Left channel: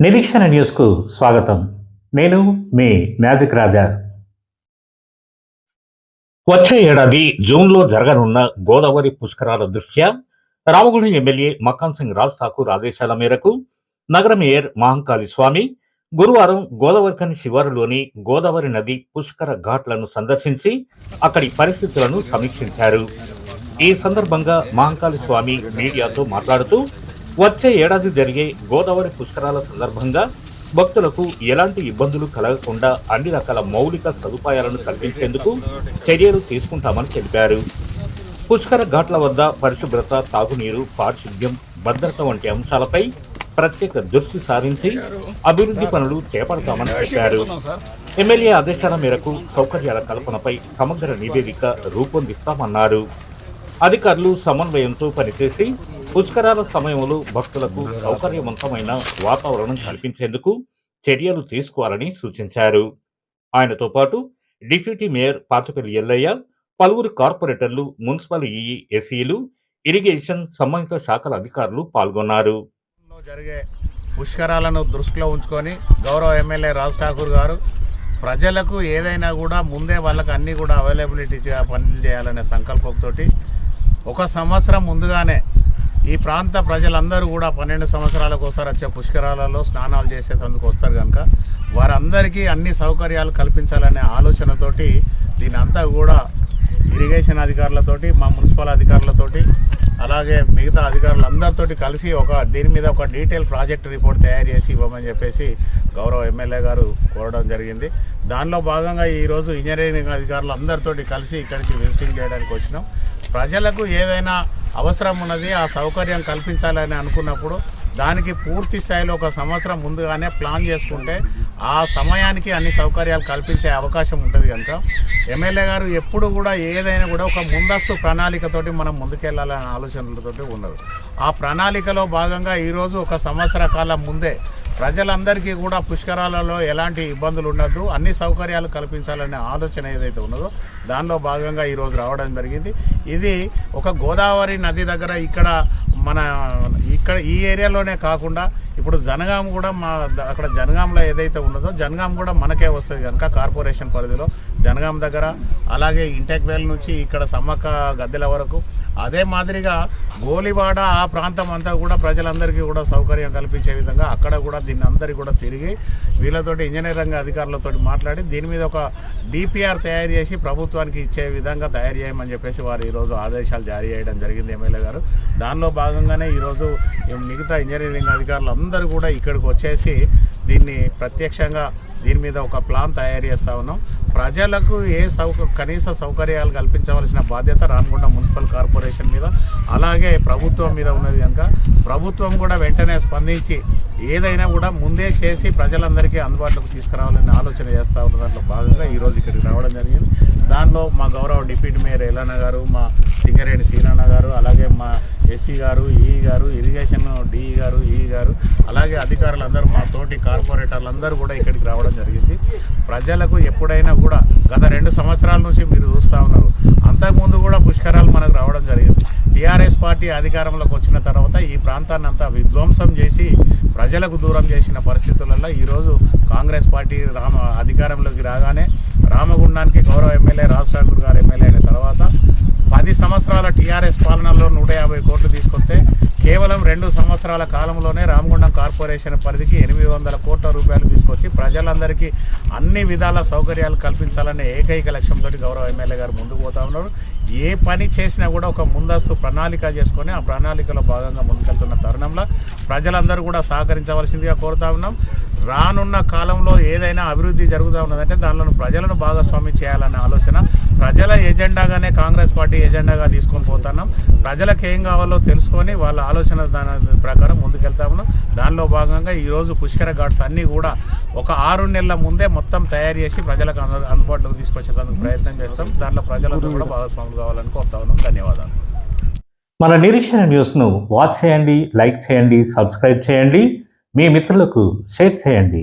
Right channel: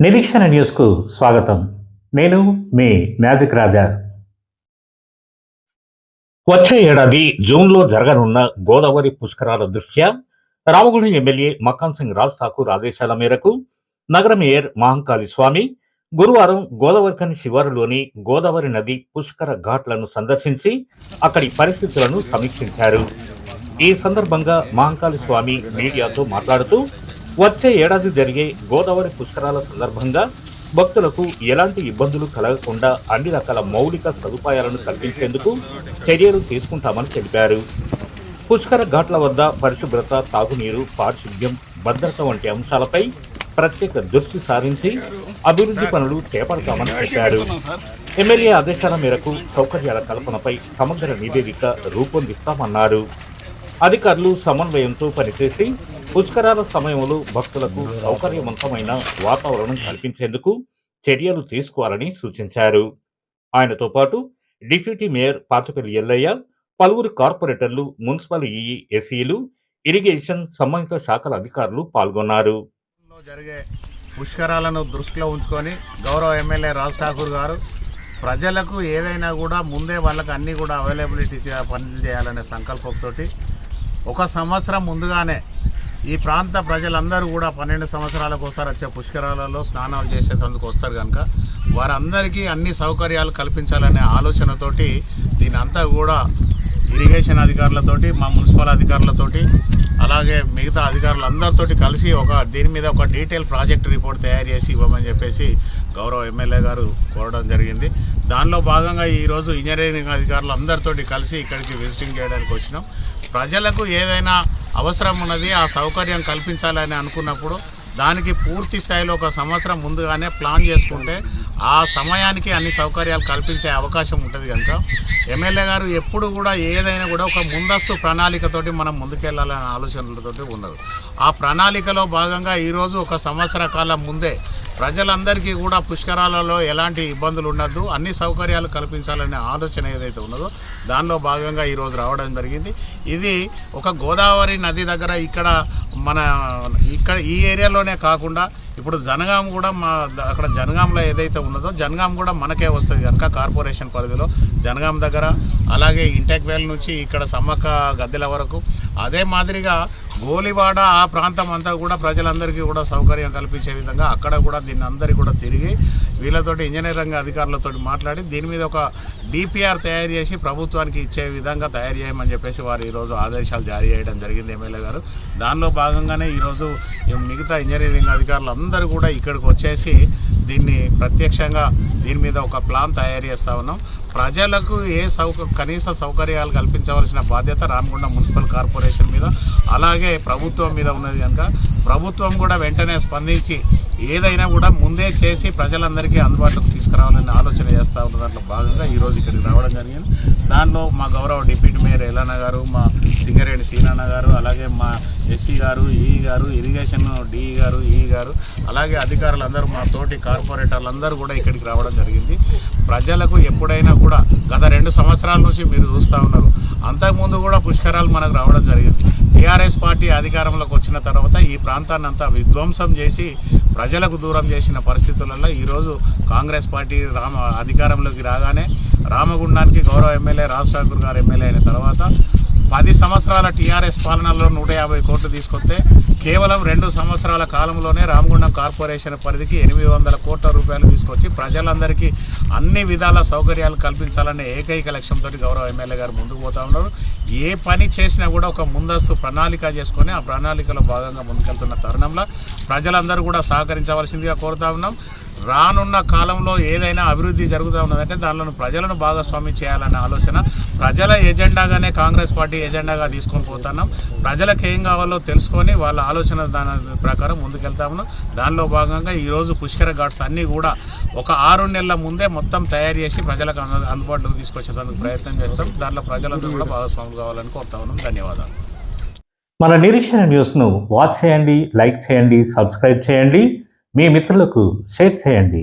నిరీక్షణ న్యూస్కు స్వాగతం. నేను మీ మ్యాజిక్ రాజా. వచ్చే ఏడాది జూన్లో జరగనున్న గోదావరి పుష్కరాల దృష్ట్యా రామగుండం ఎమ్మెల్యే మక్కాన్ సింగ్ రాజ్ ఠాకూర్ ఆదేశాల మేరకు నగర మేయర్ మహంకాళి స్వామి గురువారం గోదావరిఖని శివారులోని గోదావరి నది పుష్కర ఘాట్లను సందర్శించి అక్కడి పరిస్థితులను సమీక్షించారు. ఈ సందర్భంగా మహంకాళి స్వామి మీడియాతో మాట్లాడుతూ వచ్చే ఏడాది జరిగే గోదావరి పుష్కరాల సందర్భంగా భక్తులకు ఎలాంటి ఇబ్బందులు కలగకుండా అన్ని రకాల మౌలిక సదుపాయాలను కల్పించేందుకు చర్యలు తీసుకుంటామని తెలిపారు. పుష్కర ఘాట్ల వద్ద పరిశుభ్రత, తాగునీరు, పారిశుద్ధ్యం, భద్రత వంటి అంశాలపై ప్రత్యేక దృష్టి సారించి అభివృద్ధి పనులు చేపడతామని చెప్పారు. ఎమ్మెల్యే ఆదేశాల మేరకు సౌకర్యాల కల్పనపై సమగ్ర నివేదిక రూపొందిస్తామన్నారు. అధికారులు సమన్వయంతో పనిచేసి పుష్కరాల సమయంలో భక్తులకు సౌకర్యవంతమైన వాతావరణం కల్పించేందుకు చర్యలు తీసుకోవాలని సూచించారు. ఆయనతో పాటు డిప్యూటీ మేయర్ పాతపల్లి ఎల్లయ్య, పలువురు కార్పొరేటర్లు, మున్సిపల్ ఈఈ, ఎస్ఈలు, ఇరిగేషన్, సంబంధిత శాఖల అధికారులు పాల్గొన్నారు. జరిగే పుష్కరాలను దృష్టిలో ఉంచుకొని గౌరవ ఎమ్మెల్యే రాజ్ ఠాకూర్ గారు ప్రజలకు ఏదైనా కూడా ముందే వాళ్ళకి అన్నీ కూడా అవైలబిలిటీ పనులు చేయాలనే సంకల్పంతో ఒక సంవత్సరం ముందుగానే ఈ ప్రాంత ప్రజలందరూ కూడా 12 సంవత్సరాలకు ఒకసారి వచ్చే పుష్కరాలలో స్నానాలు చేసేందుకు వస్తారు కనుక వారందరికీ అన్ని సౌకర్యాలు కల్పించాలనే ఆలోచనతోటి దీని అంతా కూడా ఇరిగేషన్ అధికారులతోటి, మా మున్సిపల్ అధికారులతోటి, అలాగే మిగతా అధికారులందరితోటి కలిసి దీని మీద ఒక డీటెయిల్ ప్రాజెక్ట్ రిపోర్ట్ తయారు చేసి ఇవ్వమని చెప్పేసి గౌరవ ఎమ్మెల్యే గారు కోరడం జరిగింది. దానిలో భాగంగా ఈరోజు ఇంజనీరింగ్ అధికారులు అందరితోటి కలిసి ఇక్కడికి విజిటింగ్ చేయడానికి వచ్చినాం. ప్రజలకు ఏదైనా అవసరం ఉన్నది, ఆ సౌకర్యం కల్పించాలని అనుకున్నప్పుడు దానికి పూర్తి స్థాయిలో ఒక సంవత్సరం ముందుగానే ప్లాన్ చేసుకుంటే ఆ సమయానికి అన్ని సౌకర్యాలు కల్పించే అవకాశం ఉంటుంది. కనుక ఎమ్మెల్యే గారు ఎప్పుడు కూడా ఏదైనా కూడా ఒక ముందస్తు ప్రణాళికతోటి మనం ముందుకెళ్లాలనే ఆలోచనలతోటి ఉన్నారు. ఆ ప్రణాళికలో భాగంగా ఈరోజు ఒక సంవత్సర కాలం ముందే ప్రజలందరికీ కూడా పుష్కరాలలో ఎలాంటి ఇబ్బందులు ఉండద్దు, అన్ని సౌకర్యాలు కల్పించాలనే ఆలోచన ఏదైతే ఉన్నదో దానిలో భాగంగా ఈరోజు రావడం జరిగింది. ఇది ఒక గోదావరి నది దగ్గర ఇక్కడ ఈ ఏరియాలోనే కాకుండా ఇప్పుడు జనగాం కూడా అక్కడ జనగాంలో ఏదైతే ఉన్నదో జనగాం కూడా మనకే వస్తుంది కనుక కార్పొరేషన్ పరిధిలో జనగాం దగ్గర, అలాగే ఇంటెక్వేల్ నుంచి ఇక్కడ సమ్మక్క గద్దెల వరకు, అదే మాదిరిగా గోలివాడ ఆ ప్రాంతం అంతా కూడా ప్రజలందరికీ కూడా సౌకర్యం కల్పించే విధంగా అక్కడ కూడా దీన్ని అందరికీ కూడా తిరిగి వీళ్ళతోటి ఇంజనీరింగ్ అధికారులతో మాట్లాడి దీని మీద ఒక డిపిఆర్ తయారు చేసి ప్రభుత్వానికి ఇచ్చే విధంగా తయారు చేయమని చెప్పేసి వారు ఈరోజు ఆదేశాలు జారీ చేయడం జరిగింది ఎమ్మెల్యే గారు. దానిలో భాగంగానే ఈరోజు మిగతా ఇంజనీరింగ్ అధికారులు అందరూ కూడా ఇక్కడికి వచ్చేసి దీన్ని ప్రత్యక్షంగా దీని మీద ఒక ప్లాన్ తయారు చేస్తూ ఉన్నాం. ప్రజలకు కనీస సౌకర్యాలు కల్పించవలసిన బాధ్యత రామగుండం మున్సిపల్ కార్పొరేషన్ మీద, అలాగే ప్రభుత్వం మీద ఉన్నది కనుక ప్రభుత్వం కూడా వెంటనే స్పందించి ఏదైనా కూడా ముందే చేసి ప్రజలందరికీ అందుబాటులోకి తీసుకురావాలని ఆలోచన చేస్తూ ఉన్న దాంట్లో భాగంగా ఈరోజు ఇక్కడికి రావడం జరిగింది. దానిలో మా గౌరవ డిప్యూటీ మేయర్ ఎల్లన్న గారు, మా సింగరేణి సీనన్న గారు, అలాగే మా ఎస్సీ గారు, ఈఈ గారు, ఇరిగేషన్ డిఈ గారు, ఈఈ గారు, అలాగే అధికారులందరూ, మా తోటి కార్పొరేటర్లందరూ కూడా ఇక్కడికి రావడం జరిగింది. ప్రజలకు ఎప్పుడైనా కూడా గత 2 సంవత్సరాల నుంచి మీరు చూస్తూ ఉన్నారు, అంతకుముందు కూడా పుష్కరాలు మనకు రావడం జరిగింది. టీఆర్ఎస్ పార్టీ అధికారంలోకి వచ్చిన తర్వాత ఈ ప్రాంతాన్ని అంతా విధ్వంసం చేసి ప్రజలకు దూరం చేసిన పరిస్థితులలో ఈరోజు కాంగ్రెస్ పార్టీ అధికారంలోకి రాగానే రామగుండానికి గౌరవ ఎమ్మెల్యే రాజ్ ఠాకూర్ గారు ఎమ్మెల్యే అయిన తర్వాత 10 సంవత్సరాల టీఆర్ఎస్ పాలనలో 150 కోట్లు తీసుకొస్తే కేవలం 2 సంవత్సరాల కాలంలోనే రామగుండం కార్పొరేషన్ పరిధికి 800 కోట్ల రూపాయలు తీసుకొచ్చి ప్రజలందరికీ అన్ని విధాల సౌకర్యాలు కల్పించాలనే ఏకైక లక్ష్యంతో గౌరవ ఎమ్మెల్యే గారు ముందుకు పోతా ఉన్నారు. ఏ పని చేసినా కూడా ఒక ముందస్తు ప్రణాళిక చేసుకొని ఆ ప్రణాళికలో భాగంగా ముందుకెళ్తున్న తరుణంలో ప్రజలందరూ కూడా సహకరించవలసిందిగా కోరుతా ఉన్నాం. రానున్న కాలంలో ఏదైనా అభివృద్ధి జరుగుతూ ఉన్నదంటే దానిలో ప్రజలను భాగస్వామ్యం చేయాలనే ఆలోచన ప్రజల ఎజెండాగానే కాంగ్రెస్ పార్టీ ఎజెండాగా తీసుకొని పోతున్నాం. ప్రజలకు ఏం కావాలో తెలుసుకొని వాళ్ళ ఆలోచన దాని ప్రకారం ముందుకెళ్తా ఉన్నాం. దానిలో భాగంగా ఈరోజు పుష్కర ఘాట్స్ అన్నీ కూడా ఒక 6 నెలల ముందే మొత్తం తయారు చేసి ప్రజలకు అందుబాటులోకి తీసుకొచ్చేందుకు ప్రయత్నం చేస్తాం. దాంట్లో ప్రజలందరూ కూడా భాగస్వాములు కావాలని కోరుతా ఉన్నాం. ధన్యవాదాలు. మన నిరీక్షణ న్యూస్ను వాచ్ చేయండి, లైక్ చేయండి, సబ్స్క్రైబ్ చేయండి, మీ మిత్రులకు షేర్ చేయండి.